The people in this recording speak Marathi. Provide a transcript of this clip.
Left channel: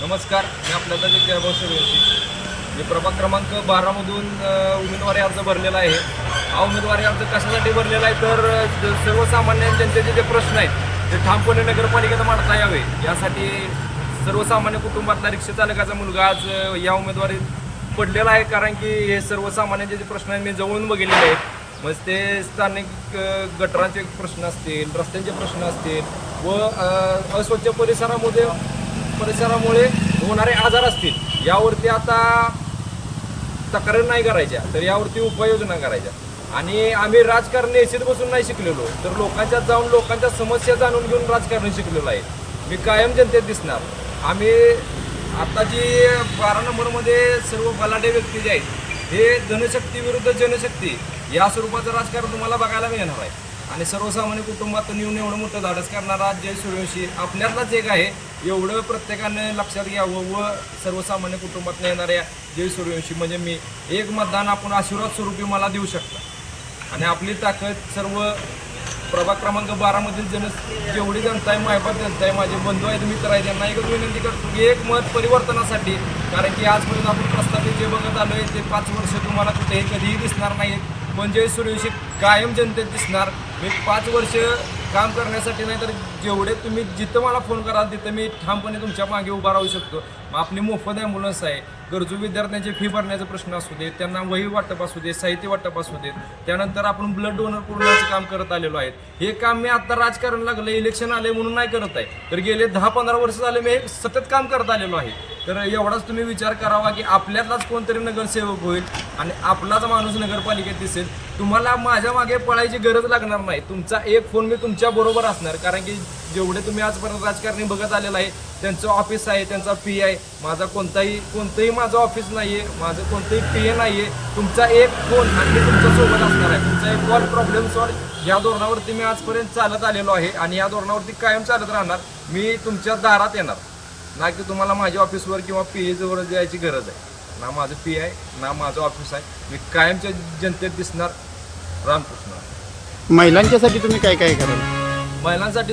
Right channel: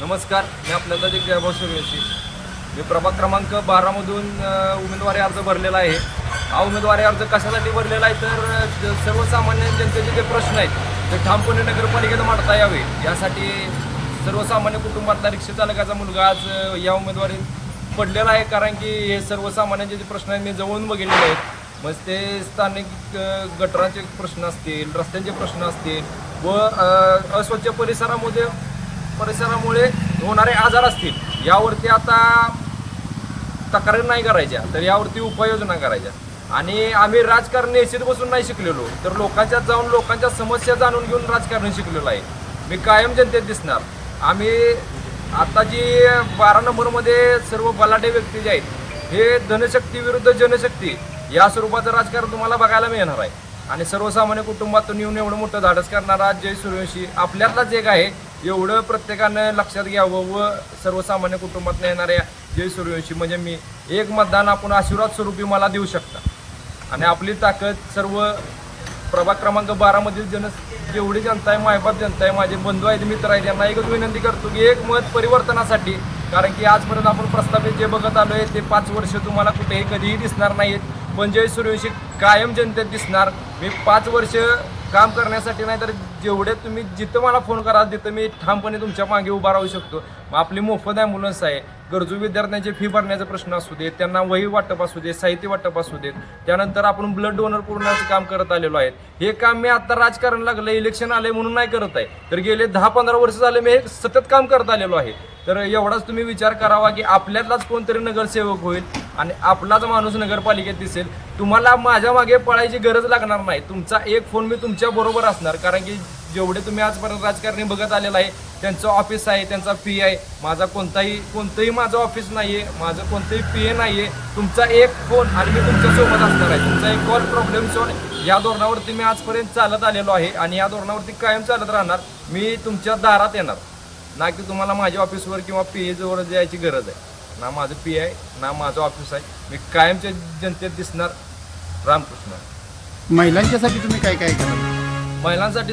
नमस्कार मी आपल्याला एक जयभाऊ सूर्यवंशी मी प्रभाग क्रमांक बारामधून उमेदवारी अर्ज भरलेला आहे. हा उमेदवारी अर्ज कशासाठी भरलेला आहे? तर सर्वसामान्य जनतेचे जे प्रश्न आहेत ते ठामपणे नगरपालिकेनं मांडता यावे. यासाठी सर्वसामान्य कुटुंबातला रिक्षा चालकाचा मुलगा आज या उमेदवारीत पडलेला आहे. कारण की हे सर्वसामान्यांचे जे प्रश्न आहेत मी जवळून बघितलेले आहेत. मग ते स्थानिक गटरांचे प्रश्न असतील रस्त्यांचे प्रश्न असतील व अस्वच्छ परिसरामध्ये परिसरामुळे होणारे आजार असतील यावरती आता तक्रारी नाही करायच्या तर यावरती उपाययोजना करायच्या. आणि आम्ही राजकारण निश्चित बसून नाही शिकलेलो तर लोकांच्यात जाऊन लोकांच्या समस्या जाणून घेऊन राजकारण शिकलेलो आहे. मी कायम जनतेत दिसणार. आम्ही आता जी बारा नंबरमध्ये सर्व बलाढ्य व्यक्ती जे आहेत हे धनशक्ती विरुद्ध जनशक्ती या स्वरूपाचं राजकारण तुम्हाला बघायला मिळणार आहे. आणि सर्वसामान्य कुटुंबातून येऊन एवढं मोठं धाडस करणारा जय सूर्यवंशी आपल्यातलाच एक आहे. एवढं प्रत्येकानं लक्षात घ्यावं व सर्वसामान्य कुटुंबातून येणाऱ्या जय सूर्यवंशी म्हणजे मी एक मतदान आपण आशीर्वाद स्वरूपी मला देऊ शकता. आणि आपली ताकद सर्व प्रभाग क्रमांक बारामधील जन जेवढी जनता आहे मायबाप जनता आहे माझे बंधू आहेत मित्र आहेत त्यांना एकच विनंती करतो की एक मत परिवर्तनासाठी कारण की आजपर्यंत आपण प्रस्थापित जे बघत आलो आहे ते पाच वर्ष तुम्हाला कुठेही कधीही दिसणार नाहीत म्हणजे सूर्यवंशी कायम जनतेत दिसणार. मी पाच वर्ष काम करण्यासाठी नाही तर जेवढे तुम्ही जिथं मला फोन कराल तिथं मी ठामपणे तुमच्या मागे उभा राहू शकतो. मग आपली मोफत ॲम्ब्युलन्स आहे. गरजू विद्यार्थ्यांची फी भरण्याचा प्रश्न असू दे त्यांना वही वाटप असू दे साहित्य वाटप असू देत त्यानंतर आपण ब्लड डोनर पुरवण्याचं काम करत आलेलो आहे. हे काम मी आता राजकारण लागलं इलेक्शन आले म्हणून नाही करत आहे. तर गेले दहा पंधरा वर्ष झाले मी हे सतत काम करत आलेलो आहे. तर एवढाच तुम्ही विचार करावा की आपल्यातलाच कोणतरी नगरसेवक होईल आणि आपलाच माणूस नगरपालिकेत दिसेल. तुम्हाला माझ्या मागे पळायची गरज लागणार नाही. तुमचा एक फोन मी तुमच्या बरोबर असणार. कारण की जेवढे तुम्ही आजपर्यंत राजकारणी बघत आलेला आहे त्यांचं ऑफिस आहे त्यांचा पी आहे. माझा कोणताही कोणतंही माझं ऑफिस नाही आहे माझं कोणतंही पी ए नाही आहे तुमचा एक फोन आणि मी तुमच्यासोबत असणार आहे. तुमचा एक कॉल प्रॉब्लेम सॉल्व या धोरणावरती मी आजपर्यंत चालत आलेलो आहे आणि या धोरणावरती कायम चालत राहणार. मी तुमच्या दारात येणार. ना की तुम्हाला माझ्या ऑफिसवर किंवा पी ए जवळ जायची गरज आहे. ना माझं पी आहे ना माझं ऑफिस आहे. मी कायमच्या जनतेत दिसणार रामकृष्ण. महिलांच्यासाठी तुम्ही काय काय कराल? महिलांसाठी